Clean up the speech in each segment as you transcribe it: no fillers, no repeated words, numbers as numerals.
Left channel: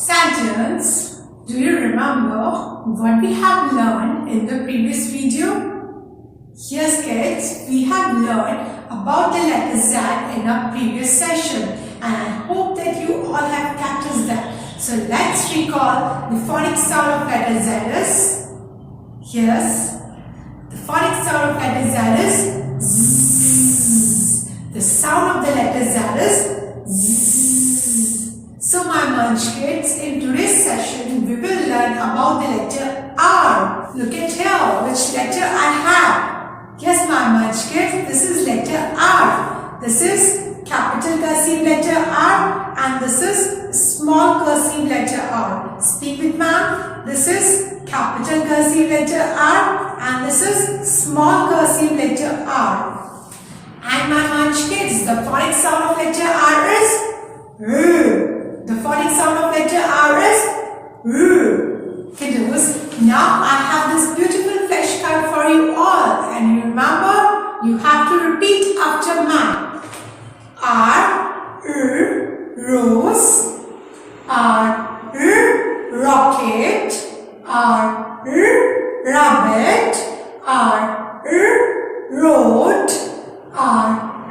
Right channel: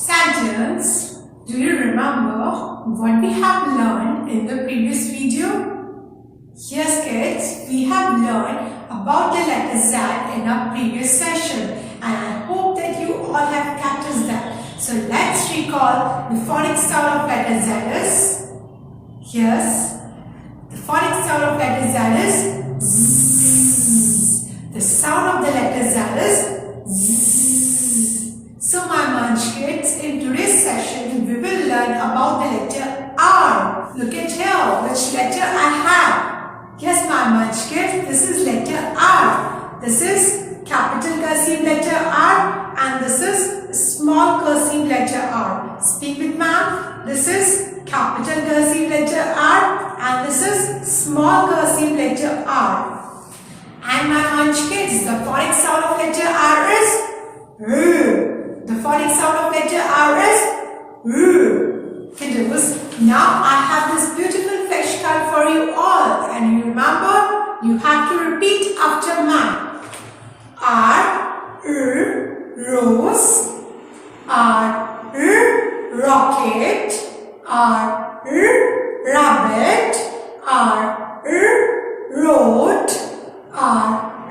Sentence. Do you remember what we have learned in the previous video? Yes kids, we have learned about the letter Z in our previous session and I hope that you all have practiced that. So let's recall the phonic sound of letter Z is. Yes, the phonic sound of letter Z is Z. The sound of the letter Z is Z. So my munch kids, in today's session we will learn about the letter R. Look at here, which letter I have. Yes my munch kids, this is letter R. This is capital cursive letter R and this is small cursive letter R. Speak with ma'am. This is capital cursive letter R and this is small cursive letter R. And my munch kids, the phonic sound of letter R is R. The phonic sound of letter R is R. Kiddos, now I have this beautiful flashcard for you all and you remember, you have to repeat after me. R, rose, R, rocket, R, rabbit, R, road, R,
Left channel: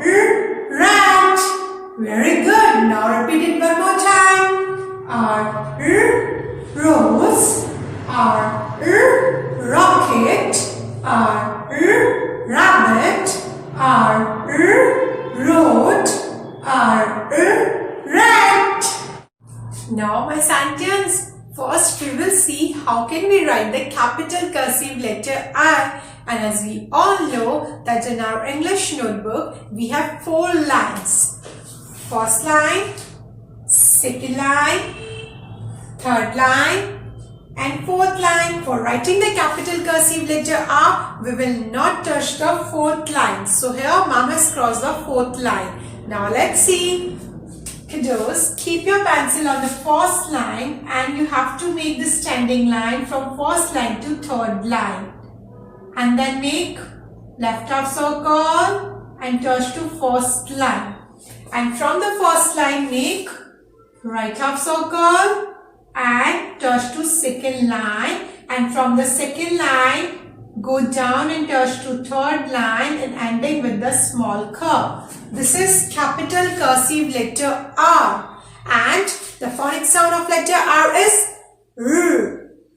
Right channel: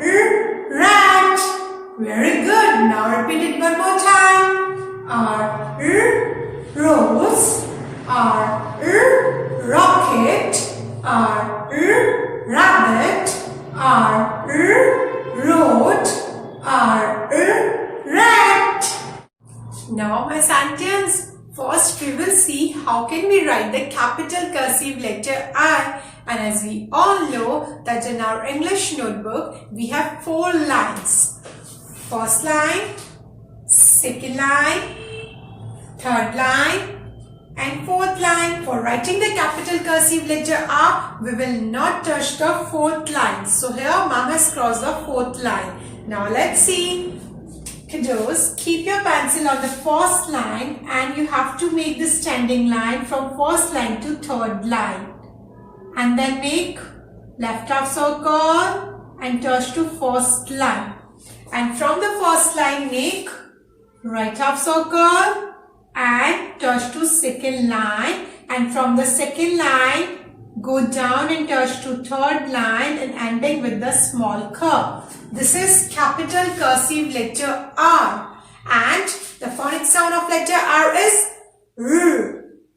rat. Very good. Now repeat it one more time. R, rose, R, rocket, R, rabbit, R, road, R, rat. Now my sentence. First we will see how can we write the capital cursive letter I. And as we all know that in our English notebook we have 4 lines. First line, second line, third line and fourth line. For writing the capital cursive letter R, we will not touch the fourth line. So here ma'am has crossed the fourth line. Now let's see. Kiddos, keep your pencil on the first line and you have to make the standing line from first line to third line. And then make left half circle and touch to first line. And from the first line make right half circle and touch to second line. And from the second line go down and touch to third line and ending with the small curve. This is capital cursive letter R. And the phonic sound of letter R is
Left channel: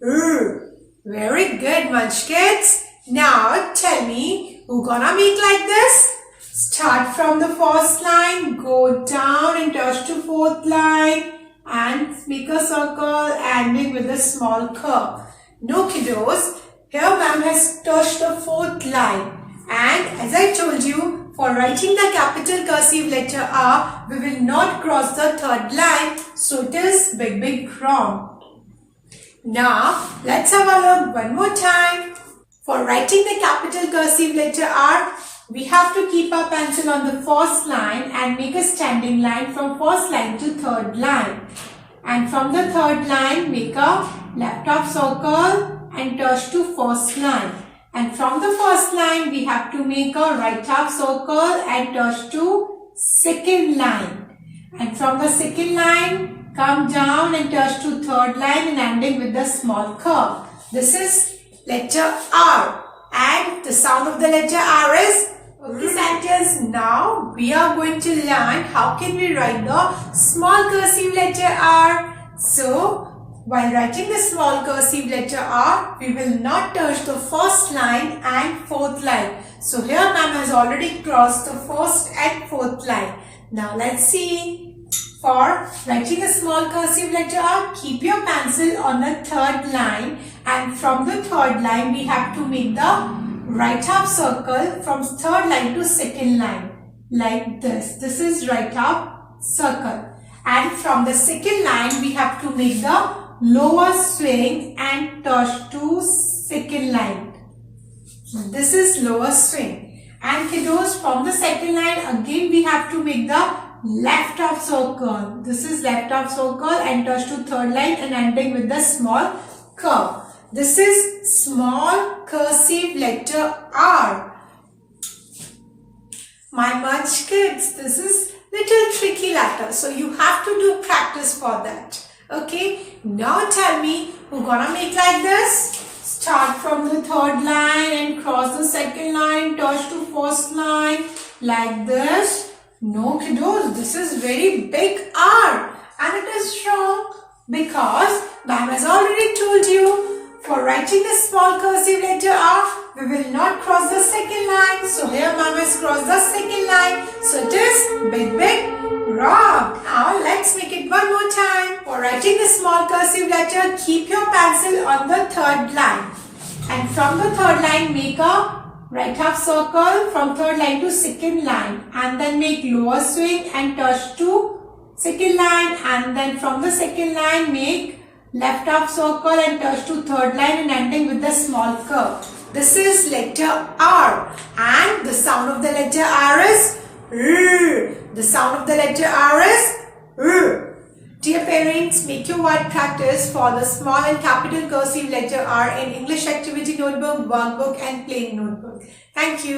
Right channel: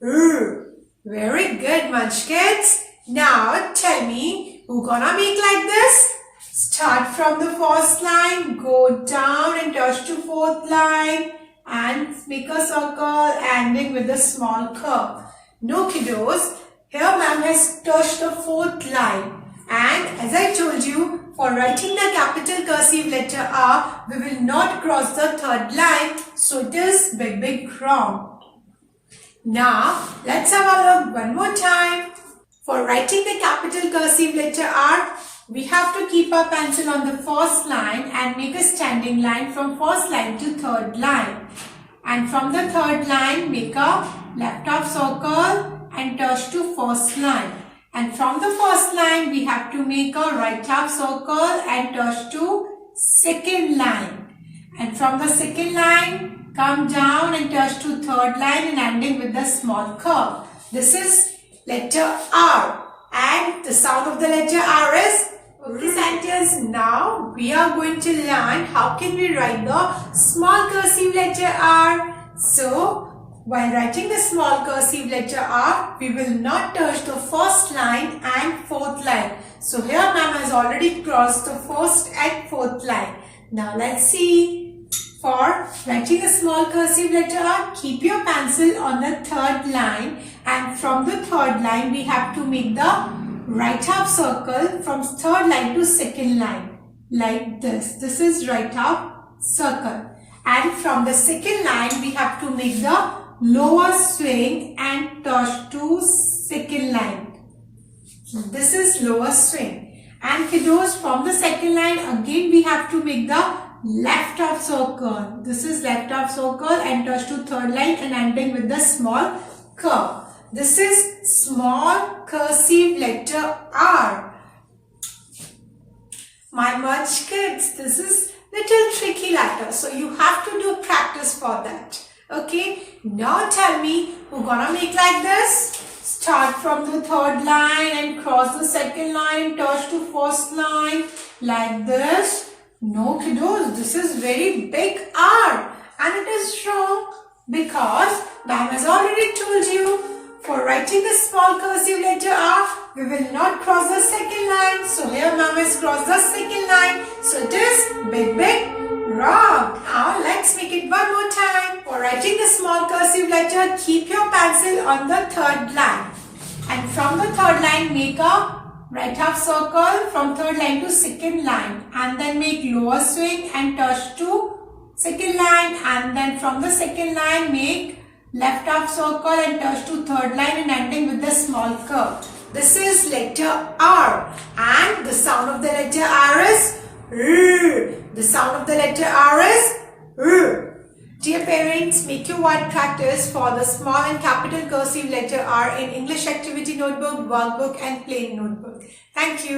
R. Very good munch kids. Now tell me, who gonna make like this? Start from the first line, go down and touch to fourth line and make a circle ending with a small curve. No kiddos, here ma'am has touched the fourth line. And as I told you, for writing the capital cursive letter R, we will not cross the third line. So it is big wrong. Now let's have a look one more time. For writing the capital cursive letter R, we have to keep our pencil on the first line and make a standing line from first line to third line. And from the third line, make a left half circle and touch to first line. And from the first line, we have to make a right half circle and touch to second line. And from the second line, come down and touch to third line and ending with the small curve. This is letter R. And the sound of the letter R is okay sentence. Now we are going to learn how can we write the small cursive letter R. So while writing the small cursive letter R, we will not touch the first line and fourth line. So here ma'am has already crossed the first and fourth line. Now let's see. For writing a small cursive letter R, keep your pencil on the third line and from the third line we have to make the right half circle from third line to second line like this. This is right half circle. And from the second line we have to make the lower swing and touch to second line. This is lower swing. And kiddos, from the second line again we have to make the left half circle. This is left half circle and touch to third line and ending with the small curve. This is small cursive letter R. My munch kids, this is little tricky letter, so you have to do practice for that. Okay, now tell me, we're gonna make like this. Start from the third line and cross the second line, touch to first line like this. No kiddos, this is very big R and it is wrong because ma'am has already told you for writing the small cursive letter R, we will not cross the second line. So here ma'am has crossed the second line. So it is big wrong. Now let's make it one more time. For writing the small cursive letter, keep your pencil on the third line. And from the third line, make a right half circle from third line to second line. And then make lower swing and touch to second line. And then from the second line, make left half circle and touch to third line and ending with the small curve. This is letter R. And the sound of the letter R is R. The sound of the letter R is R. Dear parents, make your word practice for the small and capital cursive letter R in English activity notebook, workbook and plain notebook. Thank you.